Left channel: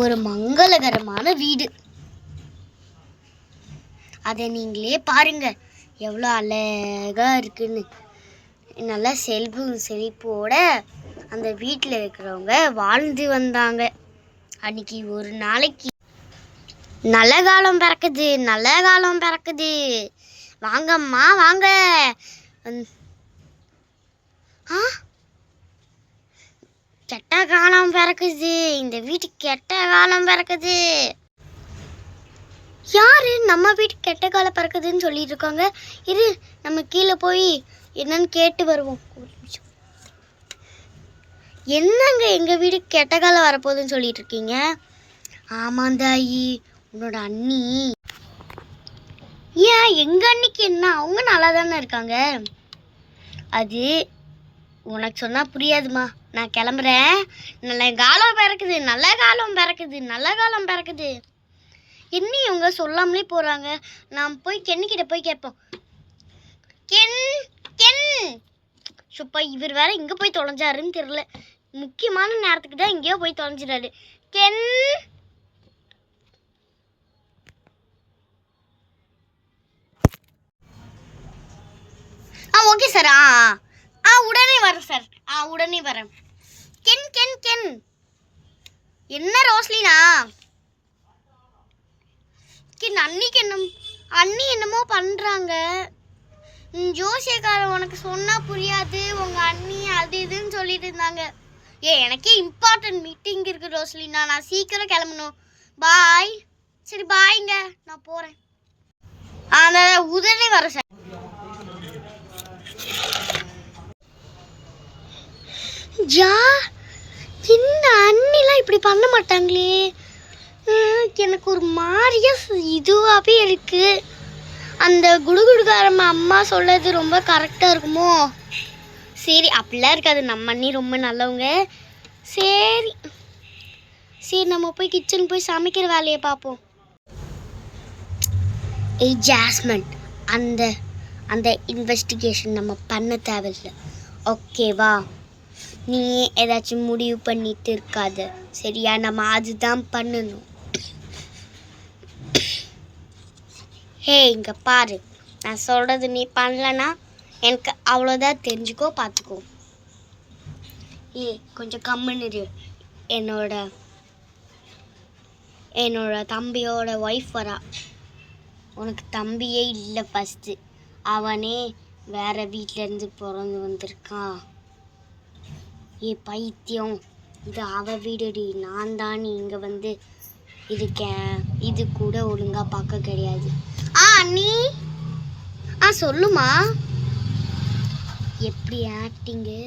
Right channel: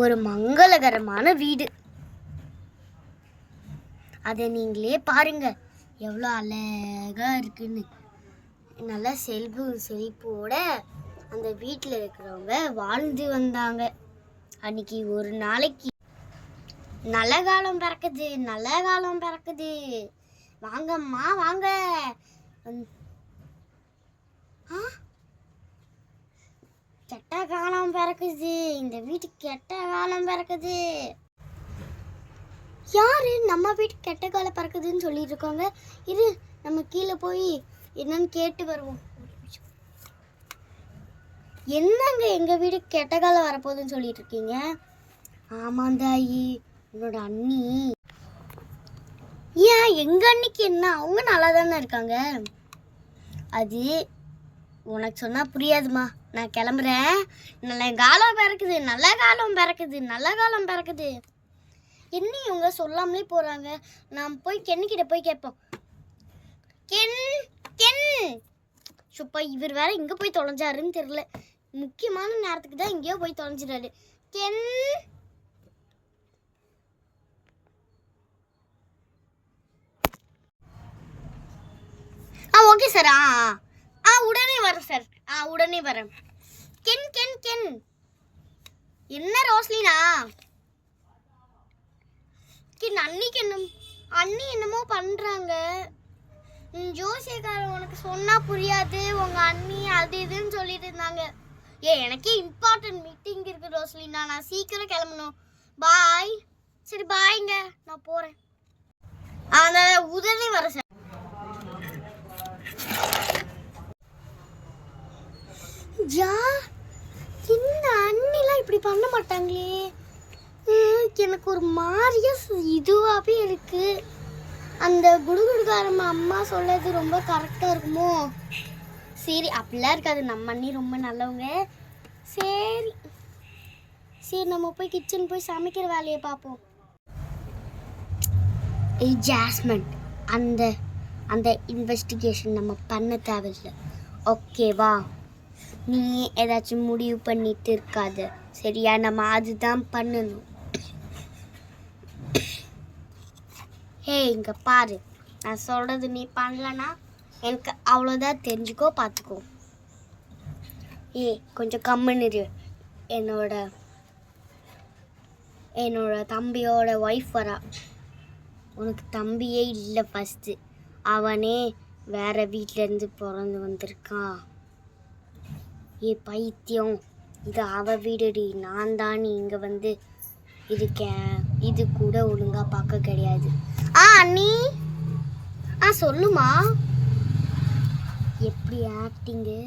ஒரு மங்களகரமான வீடு. அதை நீங்களே பாருங்க எவ்வளோ அழகா இருக்குன்னு. நல்லா செழிப்போட அந்த வீட்டில் இருக்கிறவங்க வாழ்ந்து வந்தாங்க. அன்னைக்கு ஒரு நாளைக்கு நல்ல காலம் பிறக்குது, நல்ல காலம் பிறக்குது, வாங்கம்மா வாங்க. கெட்ட காலம் பிறக்குது, இந்த வீட்டுக்கு கெட்ட காலம் பிறக்குது. யாரு நம்ம வீட்டுக்கு கெட்ட காலம் பிறக்குதுன்னு சொல்லிட்டு இருக்காங்க? இரு, நம்ம கீழே போய் என்னன்னு கேட்டு வருவோம். என்னங்க எங்க வீட்டுக்கு கெட்ட காலம் வரப்போகுதுன்னு சொல்லிட்டு இருக்கீங்க? ஆமாந்தாயி, உன்னோட அண்ணி. ஏன் எங்க அண்ணிக்கு என்ன? அவங்க நல்லா தானே இருக்காங்க. அது உனக்கு சொன்னா புரியாதுமா, நான் கிளம்புறேன். நல்ல காலம் பிறக்குது, நல்ல காலம் பிறக்குது, நல்ல காலம் பிறக்குது. என்ன இவங்க சொல்லாமலே போறாங்க? நாம் போய் கென்னிக்கிட்ட போய் கேட்போம். கென் கென் சுப்பா, இவர் வேற இங்க போய் தொலைஞ்சாருன்னு தெரியல. முக்கியமான நேரத்துக்கு தான் எங்கேயோ போய் தொலைஞ்சிடாரு. Ken, okay sir. உடனே வரேன் சார். உடனே வரேன். கென் கென் கென், என்ன ரோஸ்லினா? அன்னிக்கு அண்ணி என்னமோ பண்றாங்க. ஜோசியக்காரன் உனக்கு சொன்னா புரியாது, உங்க அண்ணி அது இதுன்னு சொல்லிட்டு இருந்தாங்க. எனக்கே இம்பார்ட்டன்ட் மீட்டிங் இருக்கு ரோஸ்லினா, நான் சீக்கிரம் கிளம்பணும். பாய். சரி பாய்ங்க, நான் போறேன். உடனே வரேன் சார். என்ன அண்ணிலாம் இப்படி பண்ண மாட்டாங்களே, எனக்கு ஒரு மாதிரியா இதுவாகவே இருக்கு. அந்த குடுகுடுக்காரம்மா அம்மா சொல்றது ரொம்ப கரெக்டாக இருக்குமோ? சரி, அப்படிலாம் இருக்காது, நம்ம அண்ணி ரொம்ப நல்லவங்க. சரி சரி, நம்ம போய் கிச்சன் போய் சமைக்கிற வேலையை பார்ப்போம். ஜாஸ்மின், அந்த அந்த இன்வெஸ்டிகேஷன் நம்ம பண்ண தேவையில்லை, ஓகேவா? நீ ஏதாச்சும் முடிவு பண்ணிட்டு இருக்காத, சரியா? நம்ம அதுதான் பண்ணணும். ஹே, இங்கே பாரு, நான் சொல்கிறது நீ பண்ணலன்னா எனக்கு அவ்வளோதான், தெரிஞ்சுக்கோ, பார்த்துக்கோ. கொஞ்சம் கம்முன்னு இரு. என்னோட தம்பியோட ஒய்ஃப் வரா. உனக்கு தம்பியே இல்லை, ஃபஸ்ட்டு அவனே வேற வீட்டிலேருந்து பிறந்து வந்திருக்கான். பைத்தியம், இது அவ வீடுடி, நான் தான் இங்கே வந்து இருக்கேன். இது கூட ஒழுங்காக பார்க்க கிடையாது. அண்ணி, சொல்லுமா. எப்படி ஆக்டிங்கு?